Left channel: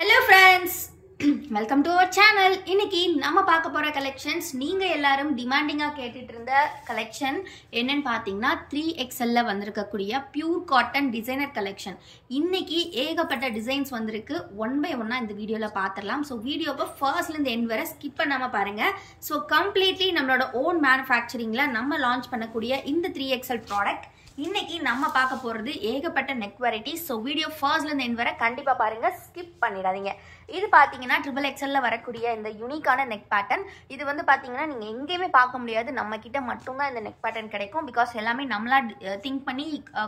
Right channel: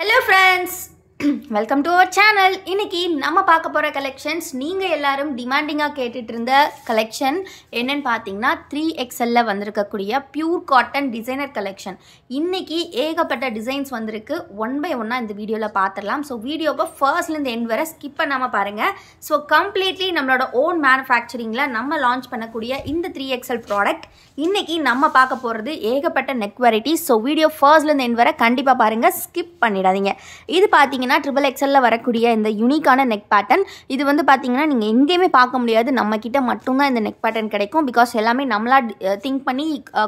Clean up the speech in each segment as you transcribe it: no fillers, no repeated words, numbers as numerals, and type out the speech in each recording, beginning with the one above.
Hello friends, welcome to our channel. இன்னைக்கு நம்ம பார்க்க போற கலெக்ஷன்ஸ் நீங்க எல்லாரும் டிமாண்டிங்கா கேட்டுட்டு இருந்த கலெக்ஷன் என்னன்னு பாத்தீங்கன்னா 3XL ல வந்திருக்கக்கூடிய பியூர் காட்டன் டிசைனர் கலெக்ஷன். இன்னைக்கு ஏகப்பட்ட டிசைன்ஸ் வந்திருக்கு. ஒன் பை ஒன்னா இந்த வீடியோல பாத்திரலாம். ஸோ வீடியோவை ஃபர்ஸ்ட்ல இருந்து எண்ட் வரை ஸ்கிப் பண்ணாம பாருங்க. ஸோ கம்ப்ளீட்லி நம்மளோட ஓன் மேனுஃபேக்சரிங்ல நம்ம லான்ச் பண்ணக்கூடிய இந்த 3XL ப்ராடக்ட் இன்னைக்கு நம்ம பார்க்க போறது ஏகப்பட்ட நெக் வெரைட்டிஸ். ஸோ வீடியோ ஃபர்ஸ்ட்ல இருந்து எண்ட் வரை கண்டிப்பா பாருங்க, ஸ்கிப் பண்ணிடாதீங்க. இது பாத்தீங்கன்னா XXL வரக்கூடிய இந்த யூனிக்கான நெக் பேட்டர்ன். இது வந்து பாத்தீங்கன்னா நீங்க எங்கேயுமே பார்க்க முடியாது, நம்ம கிட்ட மட்டும்தான் இந்த நெக் பேட்டர்ன் கிடைக்கும். பிகாஸ் எல்லாமே நம்மளா திங்க் பண்ணி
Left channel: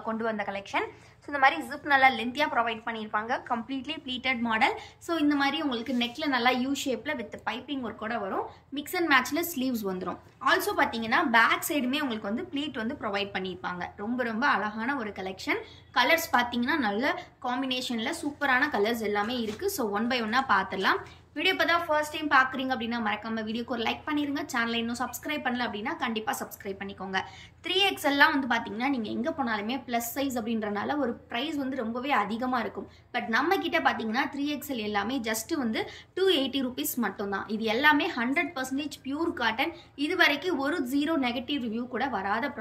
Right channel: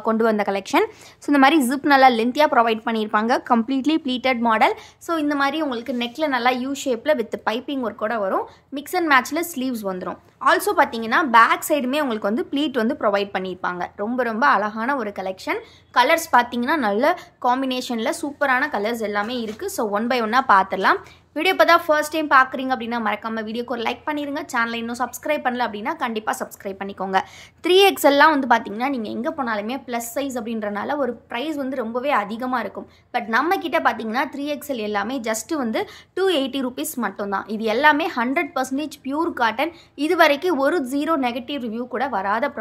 கொண்டு வந்த கலெக்ஷன். ஸோ இந்த மாதிரி ஜிப் நல்லா லென்த்தியா ப்ரொவைட் பண்ணியிருப்பாங்க. Completely pleated model. ஸோ இந்த மாதிரி உங்களுக்கு நெக்ல நல்லா யூ ஷேப்ல வித் பைப்பிங் ஒர்க்கோட வரும். மிக்ஸ் அண்ட் மேட்ச்ல ஸ்லீவ்ஸ் வந்துடும். ஆல்சோ பார்த்தீங்கன்னா பேக் சைடுமே உங்களுக்கு வந்து ப்ளீட் வந்து ப்ரொவைட் பண்ணியிருப்பாங்க. ரொம்ப ரொம்ப அழகான ஒரு கலெக்ஷன். கலர்ஸ் பார்த்தீங்கன்னா நல்ல காம்பினேஷனில் சூப்பரான கலர்ஸ் எல்லாமே இருக்குது. ஸோ ஒன் பை ஒன்னாக பார்த்துடலாம். வீடியோ இப்போ தான் ஃபர்ஸ்ட் டைம் பார்க்குறீங்க அப்படின்னா மறக்காம வீடியோக்கு ஒரு லைக் பண்ணிடுங்க. சேனலை இன்னும் சப்ஸ்கிரைப் பண்ணல அப்படின்னா கண்டிப்பாக சப்ஸ்கிரைப் பண்ணிக்கோங்க. 3XLலாம் வந்து பார்த்தீங்கன்னா நீங்கள் எங்கே போனாலுமே ப்ளஸ் சைஸ் அப்படின்றனால ஒரு ப்ரைஸ் வந்து ரொம்பவே அதிகமாக இருக்கும். பட் நம்ம கிட்ட பார்த்தீங்கன்னா 3XL எல்லாமே ஜஸ்ட் வந்து 280 rupees மட்டும்தான். இது எல்லாமே 100% பியூர் காட்டன். இது வரைக்கும் ஒரு ஜீரோ நெகட்டிவ் ரிவ்யூ கூட வராத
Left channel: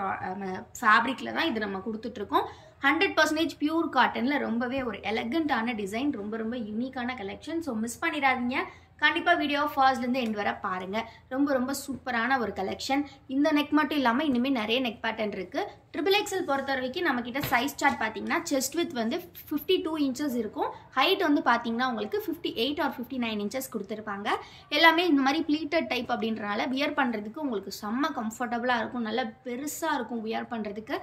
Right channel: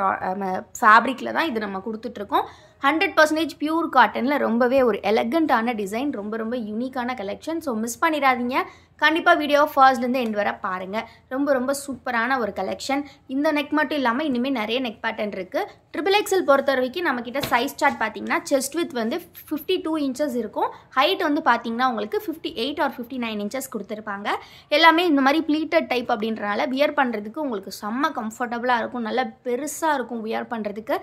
ஃபேப்ரிக்கில் தான் இது நம்ம கொடுத்துட்ருக்கோம். 100% பியூர் காட்டனில் ரொம்பவே ஒரு எலகண்டான டிசைன், ரொம்ப ரொம்ப யூனிக்கான கலெக்ஷன். ஸோ மிஸ் பண்ணிடாதீங்க. கண்டிப்பாக வீடியோ ஃபர்ஸ்ட்லேருந்து எண்ட் வரை பாருங்கள். ரொம்ப ரொம்ப சூப்பரான ஒரு கலெக்ஷன். இந்த நெக் மட்டும் இல்லாமல் இனிமேல் நிறைய நெக் பேட்டர்ன் இருக்குது. XXL பொறுத்த வரைக்கும் நம்மக்கிட்ட சைஸ் சார்ட் பார்த்தீங்கன்னா செஸ்ட் வித் வந்து 52 inches இருக்கும். ஹைட் வந்து பார்த்தீங்கன்னா உங்களுக்கு 58 or 59 inches கொடுத்துருப்பாங்க. எல்லாமே இந்த மாதிரி ப்ளீட்டட் டைப் அப்படின்றனால வியர் பண்ணுறதுக்கு உங்களுக்கு செம்ம கம்ஃபர்டபுளாக இருக்கும். நல்லா பெருசாக இருக்கும் வியர் பண்ணுறதுக்கு.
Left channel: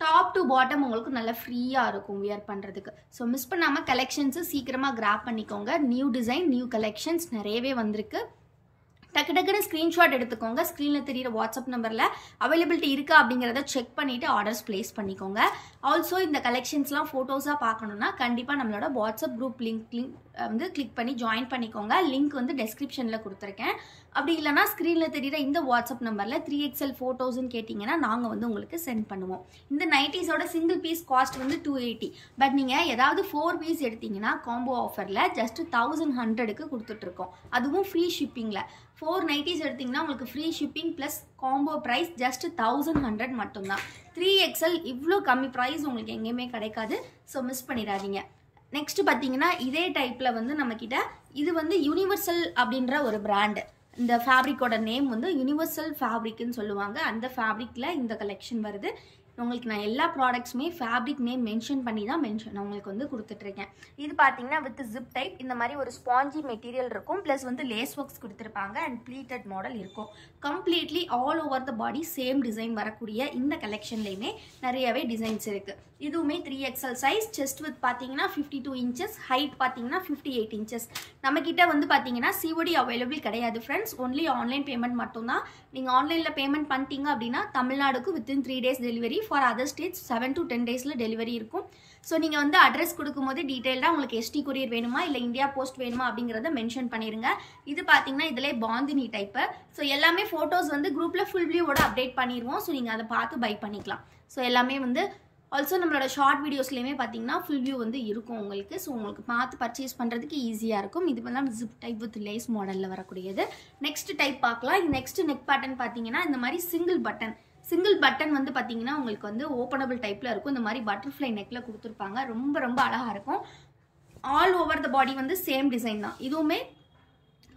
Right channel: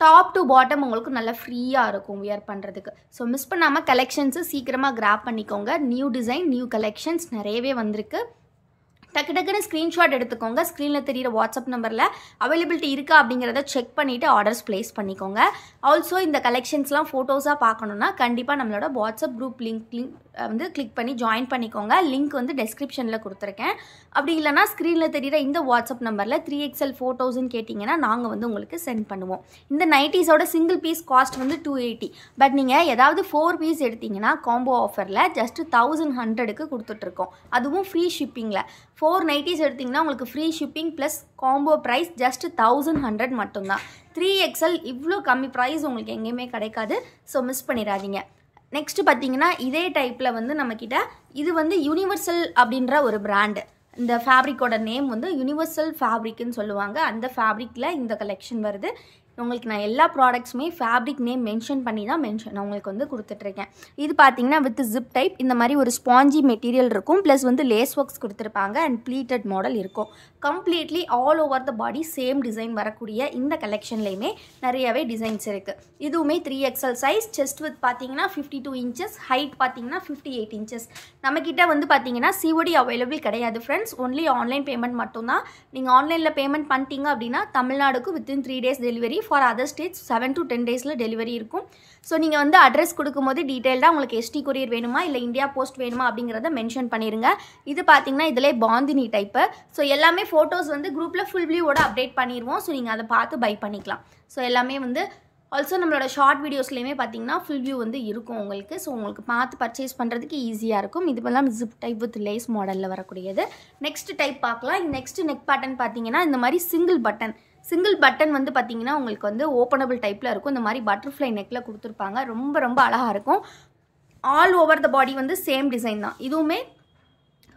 டாப் டு பாட்டம் உங்களுக்கு நல்லா ஃப்ரீயாக இருக்கும் வியர் பண்ணுறதுக்கு. ஸோ மிஸ் பண்ணாமல் கலெக்ஷன்ஸு சீக்கிரமாக கிராப் பண்ணிக்கோங்க. நியூ டிசைன், நியூ கலெக்ஷன்ஸ் நிறையவே வந்திருக்கு. டக்கு டக்குன்னு ஸ்க்ரீன்ஷாட் எடுத்துக்கோங்க. ஸ்க்ரீனில் தெரியிற வாட்ஸ்அப் நம்பரில் அவைலபிலிட்டி இருக்கா அப்படிங்கிறத செக் பண்ணிவிட்டு ஆர்டர்ஸ் ப்ளேஸ் பண்ணிக்கோங்க. ஆல்சோ இந்த கலெக்ஷன்ஸ்லாம் ஃபோட்டோஸாக பார்க்கணுன்னா கண்டிப்பாக நம்மளோட வாட்ஸ்அப் குரூப் லிங்க் வந்து கிளிக் பண்ணி ஜாயின் பண்ணிக்கோங்க. லிங்க் வந்து டெஸ்கிரிப்ஷனில் கொடுத்துருக்கேன். அப்படி இல்லைனா ஸ்க்ரீனில் தெரியிற இந்த வாட்ஸ்அப் நம்பரில் 3XL ஃபோட்டோஸ்ன்னு கேட்டிங்கன்னா நாங்கள் வந்து உங்களுக்கு சென்ட் பண்ணுவோம். இந்த நைட்டிஸோட சிங்கிள் பீஸ் காஸ்ட் வந்து 280. பட் நீங்கள் ஏதாவது 4 பீஸ் எடுத்தீங்கன்னா காம்போ ஆஃபரில் ஜஸ்ட் 1100க்கு கொடுத்துட்ருக்கோம். அதுவும் ஃப்ரீ ஷிப்பிங்கில். 4 நைட்டிஸ் எடுத்திங்கன்னா உங்களுக்கு free shipping plus combo price just 1100 மட்டும்தான். 3XL இவ்வளோ கம்மி ப்ரைஸ் உங்களுக்கு எங்கேயுமே கிடைக்காது. ஸோ மிஸ் பண்ணிடாதீங்க. நெக்ஸ்ட் பார்த்தீங்கன்னா இதே டைப்பில் வந்து நம்மக்கிட்ட இது வந்து யூனிவர்சல் அப்படின்ற ஒரு பிராண்டு. இந்த ஃபேப்ரிக்கோட நேம் வந்து யூனிவர்சல் ஃபேப்ரிக்னு சொல்லுவாங்க. அந்த ஃபேப்ரிக்கில் இந்த கலெக்ஷன் வருது. உங்களுக்கு நான் எல்லா ப்ராடக்ட்ஸுமே ஃபேப்ரிக் நேம் மென்ஷன் பண்ணி தான் நான் உங்களுக்கு வந்து கொடுத்துட்ருக்கேன். இது பார்த்தீங்கன்னா வித் ஜிப் டைப் இந்த மாதிரி ஒரு ஸ்பாஞ்சி மெட்டீரியல் இருக்கும். ப்ளஸ் வந்து லேஸ் ஒர்க்ஸ் கொடுத்துருப்பாங்க அண்ட் ப்ளீட்டட் மாடல் இருக்கும். Completely all over the body same design வரக்கூடிய இந்த கலெக்ஷன்லையுமே நிறையவே டிசைன்ஸ் இருக்குது. இதுவுமே 3XL சைஸ். செஸ்ட் வித் பார்த்தீங்கன்னா 52 inches, ஹைட் பார்த்தீங்கன்னா 58 inches. நம்மக்கிட்ட வந்து பார்த்தீங்கன்னா COD அவைலபிள் கிடையாது ஃப்ரெண்ட்ஸ். ஒன்லி ஆன்லைன் பேமெண்ட் மட்டும்தான். நீங்கள் ஆன்லைனில் பேமெண்ட் பண்ணிட்டீங்க அப்படின்னா தமிழ்நாடுக்கு within 3 days delivery. For other states 7 to 10 days delivery இருக்கும். ஸோ நீங்கள் வந்து அட்ரஸ் கொடுக்கும்போது டீட்டெயில்டாக உங்களுக்கு ST கொரியர் வேணுமா இல்லை இந்தியா போஸ்ட் வேணுமா அப்படிங்கிறத மென்ஷன் பண்ணிடுங்க. இது பார்த்தீங்கன்னா இதிலே பாந்தினி டைப்பு. ஸோ எல்லாமே ஃபோட்டோஸ் வந்து குரூப்பில் ஃபுல் வியூவோட அப்டேட் பண்ணிடுவோம். ஸோ நீங்கள் அதை பார்த்து பை பண்ணிக்கலாம். ஸோ எல்லாமே வந்து ஆல்சோ நம்மளோட ஷார்ட் வீடியோஸ்லேயுமே பார்த்தீங்கன்னா ஃபுல் வியூ வந்து இருக்கும் உங்களுக்கு. ஸோ உங்களுக்கு பார்த்து பர்ச்சேஸ் பண்ணுறதுக்கு ஈஸியாக இருக்கும். இதுவெல்லாம் ஜிப் டைப் வித் லேஸ் மாடலில் வரக்கூடியது. நெக்ஸ்ட் டைப் பார்க்கலாம். நெக்ஸ்ட் நெக் பேட்டர்ன் பார்த்தீங்கன்னா இந்த மாதிரி சிங்கிள் பட்டன் வந்து பார்த்தீங்கன்னா உங்களுக்கு வந்து ஓப்பனபிள் டைப்பில் இருக்கும். இந்த மாதிரி பட்டர்ஃப்ளை நெக்கில் கொடுத்துருப்பாங்க. ரொம்ப ரொம்ப அழகாக இருக்கும். ஆல் ஓவர் த பாடி வந்து சேம் டிசைன் தான். இதுவுமே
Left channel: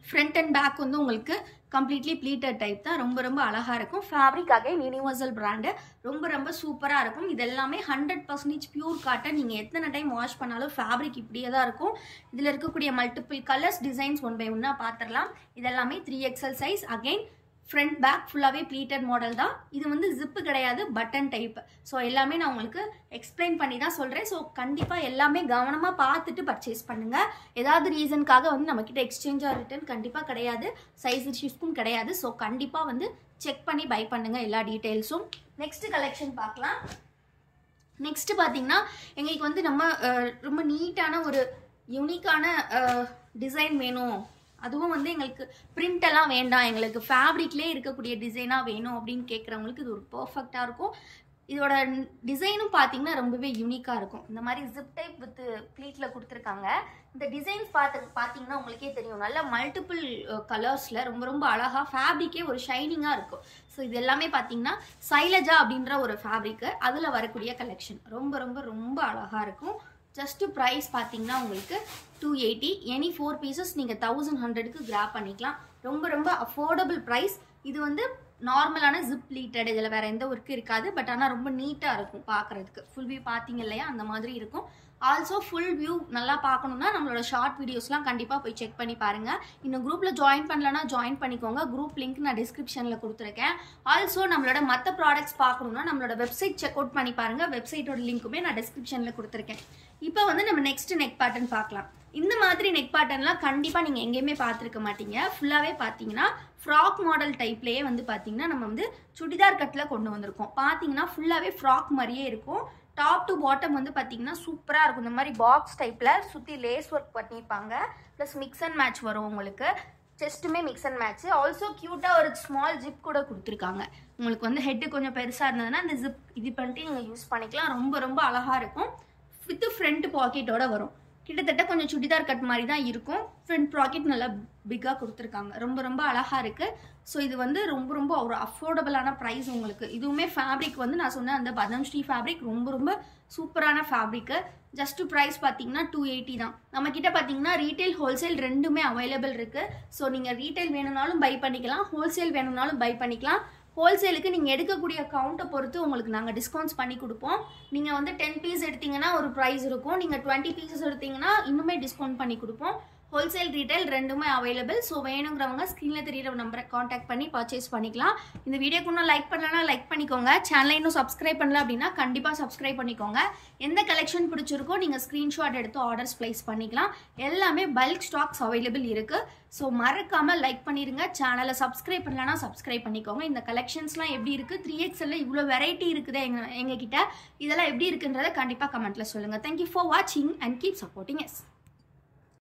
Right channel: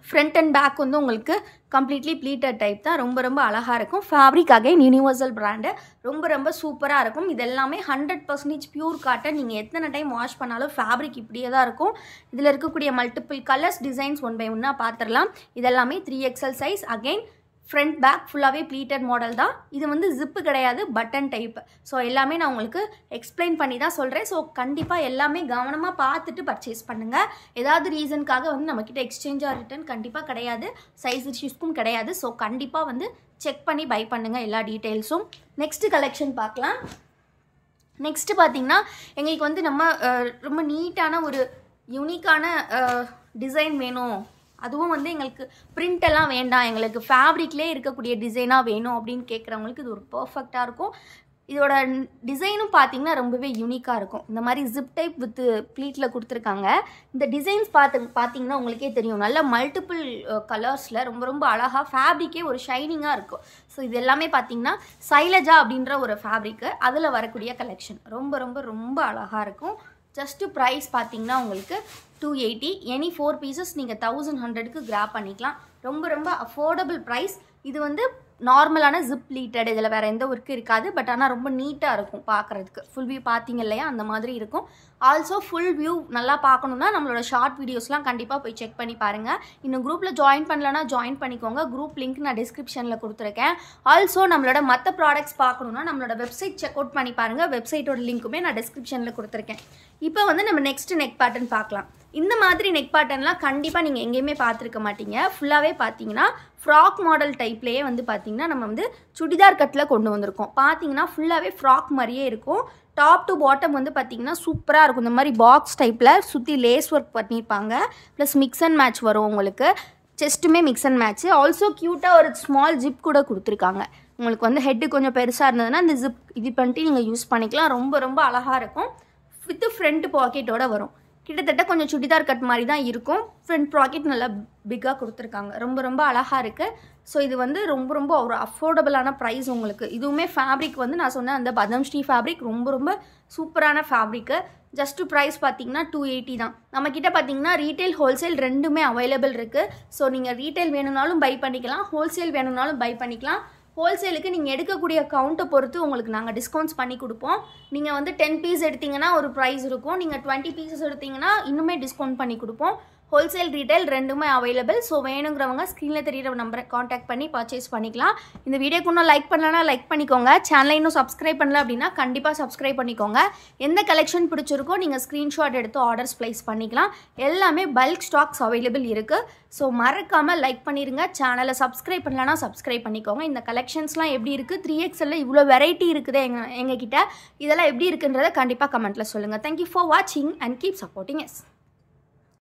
ஃப்ரண்ட் அண்ட் பேக் வந்து உங்களுக்கு கம்ப்ளீட்லி ப்ளீட்டட் டைப் தான். ரொம்ப ரொம்ப அழகாக இருக்கும். Fabric again universal brand. ரொம்ப ரொம்ப சூப்பராக இருக்கும். இது எல்லாமே 100% பியூர் காட்டன். நீங்கள் எத்தனை டைம் வாஷ் பண்ணாலும் ஃபேப்ரிக் இப்படியே தான் இருக்கும். இதில் இருக்கக்கூடிய multiple colours designs one by ஒன்னாக பார்த்துடலாம். இதெல்லாமே 3XL size. Again front back ஃபுல்லாகவே ப்ளீட்டட் மாடல் தான். இது வந்து ஜிப்பு கிடையாது, பட்டன் டைப். ஸோ எல்லாமே நான் உங்களுக்கு எக்ஸ்பிளைன் பண்ணி தான் சொல்கிறேன். ஸோ கண்டிப்பாக எல்லாமே கவனமாக பார்த்துட்டு பர்ச்சேஸ் பண்ணுங்கள். ஏதாவது ரீசனுக்காக வந்து நம்மக்கிட்ட எக்ஸ்சேஞ்ச் ஆர் ரிட்டர்ன் கண்டிப்பாக கிடையாது. சைஸ் இஷ்யூஸ்க்கும் கிடையாது. ஸோ கண்டிப்பாக வந்து செக் பண்ணி பை பண்ணுங்கள் எல்லா டீட்டெயில்ஸும். நெக்ஸ்ட் கலெக்ஷன் பார்க்கலாம். நெக்ஸ்ட் பார்த்தீங்கன்னா எங்களுக்கு வந்து நம்ம ரொம்ப நீட்டான ஒரு யூனிக்கான டிசைன் வேணும். அதுவும் வந்து எங்களுக்கு பிரிண்ட் எல்லாம் வேண்டாம், எங்களுக்கு ஃபேப்ரிக்லேயே இருக்கக்கூடிய டிசைனாக வேணும் அப்படின்னு கேட்குறவங்களுக்கு இது ஒரு பர்ஃபெக்டாக இருக்கும். இதோட டிசைனும் பார்த்தீங்கன்னா ரொம்பவே யூனிக்காக இருக்கும். இந்த மாதிரி ஜிப் டைப் வித் ப்ளீட்டில் கொடுத்துருக்காங்க. இந்த டிசைன்ஸ் பார்த்தீங்கன்னா உங்களுக்கே தெரியும், நல்ல மல்டிபிள் கலர்ஸில் ரொம்ப ரொம்ப அழகாக ஃபேப்ரிக்கே ஒரு ஷைனிங்காக இருக்கும். ஸோ இது எல்லாமே பார்த்தீங்கன்னா சைலஜா அப்படின்ற ஒரு ஃபேப்ரிக்கு அதில் வரக்கூடிய கலெக்ஷன் ரொம்ப ரொம்ப ரொம்ப அழகாக இருக்கும். ஜஸ்ட்டு ப்ரைஸ் பார்த்தீங்கன்னா உங்களுக்கு 280. எனி 4 பீசஸ் நீங்கள் 1100க்கு கிராப் பண்ணிக்கலாம். ரொம்ப ரொம்ப அஃபோர்டபுள் ப்ரைஸ். இது வந்து நார்மலான ஜிப் ப்ளீட்டட், இதில் வேறு எந்த ஒர்க்கும் இருக்காது. பட் ஆனால் ரொம்ப நீட்டாக இருக்கும் பார்க்குறதுக்கு. ஃபுல் வியூ பார்த்தீங்க இல்லையா, அந்த மாதிரி இருக்கும். ஆல்சோ ஃபுல் வியூ நல்லா பார்க்கணுன்னா நம்மளோட ஷார்ட் வீடியோஸ்லாம் கண்டிப்பாக போய் செக் பண்ணி பாருங்கள். இன்னும் குரூப்பில் ஜாயின் பண்ணலன்னா ஜாயின் பண்ணிக்கோங்க. குரூப் லிங்க் நான் டிஸ்கிரிப்ஷனில் கொடுத்துருக்கேன். ஆல்சோ நம்மளோட மற்ற ப்ராடக்ட்ஸ் பார்க்கணுன்னா நம்மளோட வெப்சைட் செக் அவுட் பண்ணி பாருங்கள். வெப்சைட்டோட லிங்க்குமே நான் டிஸ்கிரிப்ஷனில் கொடுத்துருக்கேன். இப்போ வந்து நம்ம நெக்ஸ்ட் நெக் பேட்டர்ன் பார்க்கலாம். இந்த மாதிரி நெக் பேட்டர்ன்லாம் கண்டிப்பாக நீங்கள் எங்கேயுமே பார்த்துருக்க மாட்டீங்க. ஃபுல்லாகவே பார்த்தீங்கன்னா ஃப்ராக் மாடல் டைப்லேயே வந்து பார்த்தீங்கன்னா நம்ம வந்து சுடிதார் கட்டில் கொண்டு வந்திருக்கோம். பார்த்தீங்கன்னா ஃபுல்லாகவே ஃப்ராக் மாதிரியே இருக்கும். டாப் டு பாட்டம் வந்து பார்த்தீங்கன்னா சூப்பராக இருக்கும். இந்த மாதிரி பாக்ஸ் டைப்பில் சுற்றி லேஸ் ஒர்க் பண்ணியிருப்பாங்க. ப்ளஸ் மிக்ஸ் அண்ட் மேட்ச் வரும் உங்களுக்கு. செஸ்ட்டுமே மிக்ஸ் அண்ட் மேட்ச்சு. ஆல்சோ க்யூட்டாக ஒரு ஸ்மால் ஜிப் கூட கொடுத்துருக்காங்க. உங்களுக்கு வந்து ஹெட்டு கொஞ்சம் பெருசாக இருந்ததுன்னா இந்த ஜிப் இது பண்ணிட்டு நீங்கள் யூஸ் பண்ணிக்கலாம். ரொம்ப ரொம்ப அழகாக இருக்கும். வித் ஃப்ரண்ட் பாக்கெட்டோட வரும். கிட்டத்தட்ட கொஞ்சம் சுடிதார் கட் மாதிரி தான் இருக்கும். ஃப்ரண்ட் பாக்கெட் நல்லா பிக்காக கொடுத்துருக்காங்க. ரொம்ப ரொம்ப அழகாக இருக்குது. ஸோ இது வந்து ரொம்ப ரொம்ப ஒரு அஃபோர்டபுளான ப்ரைஸ் உங்களுக்கு. இதுவுமே ஃபேப்ரிக் வந்து நான் சொன்ன அந்த பதம்ஸ்ரீ ஃபேப்ரிக் ரொம்ப ரொம்ப சூப்பரான ஃபேப்ரிக்கு. ஜஸ்ட்டு ப்ரைஸ் பார்த்தீங்கன்னா 280 தான். நம்மக்கிட்ட பார்த்தீங்கன்னா ரீட்டைல் ஹோல்சேல் ரெண்டுமே அவைலபிள் இருக்குது. ஸோ நீங்கள் ரீட்டைல் வேணும்னாலும் பை பண்ணிக்கலாம், ஹோல்சேல் வேணும்னாலும் பை பண்ணிக்கலாம். ஹோல்சேலுக்கு நீங்கள் எடுக்கக்கூடிய கவுண்ட்டை பொறுத்து உங்களுக்கு நாங்கள் டிஸ்கவுண்ட்ஸ் பண்ணி கொடுப்போம். நீங்கள் வந்து 10 பீஸ் எடுத்தீங்கன்னா ஒரு ப்ரைஸ் இருக்கும். நீங்கள் 20 பீசஸ் எடுத்தீங்கன்னா இன்னுமே டிஸ்கவுண்ட் பண்ணி கொடுப்போம். ஹோல்சேல் ரீட்டைல் ரெண்டுமே அவைலபிள். ஸோ வேணுங்கிறவங்க ஸ்க்ரீனில் தெரியிற நம்பரை காண்டாக்ட் பண்ணி பர்ச்சேஸ் பண்ணிக்கலாம். இந்த வீடியோக்கு இன்னும் லைக் பண்ணலன்னா லைக் பண்ணிக்கோங்க. சேனலை இன்னும் சப்ஸ்கிரைப் பண்ணல அப்படின்னா கண்டிப்பாக சப்ஸ்கிரைப் பண்ணிக்கோங்க. எந்த கலெக்ஷன் பிடிச்சிருக்கோ நீங்கள் ஸ்க்ரீன்ஷாட் எடுத்து ஆர்டர்ஸ் ப்ளேஸ் பண்ணிக்கலாம். எல்லாமே பல்க் ஸ்டாக்ஸ் அவைலபிள் இருக்குது. ஸோ மறக்காமல் லைக் பண்ணிடுங்க. சேனலை சப்ஸ்கிரைப் பண்ணலன்னா சப்ஸ்கிரைப் பண்ணிக்கோங்க. இந்த கலெக்ஷன்ஸ்லாம் எப்படி இருக்குது, 3XL இவ்வளோ வெரைட்டி இருக்குது எங்ககிட்ட, இதெல்லாம் எப்படி இருக்குன்றதை கண்டிப்பாக கமெண்ட்டில் சொல்லுங்கள். தேங்க்யூ ஃபார் வாட்சிங் அண்ட் கீப் சப்போர்ட்டிங் எஸ்.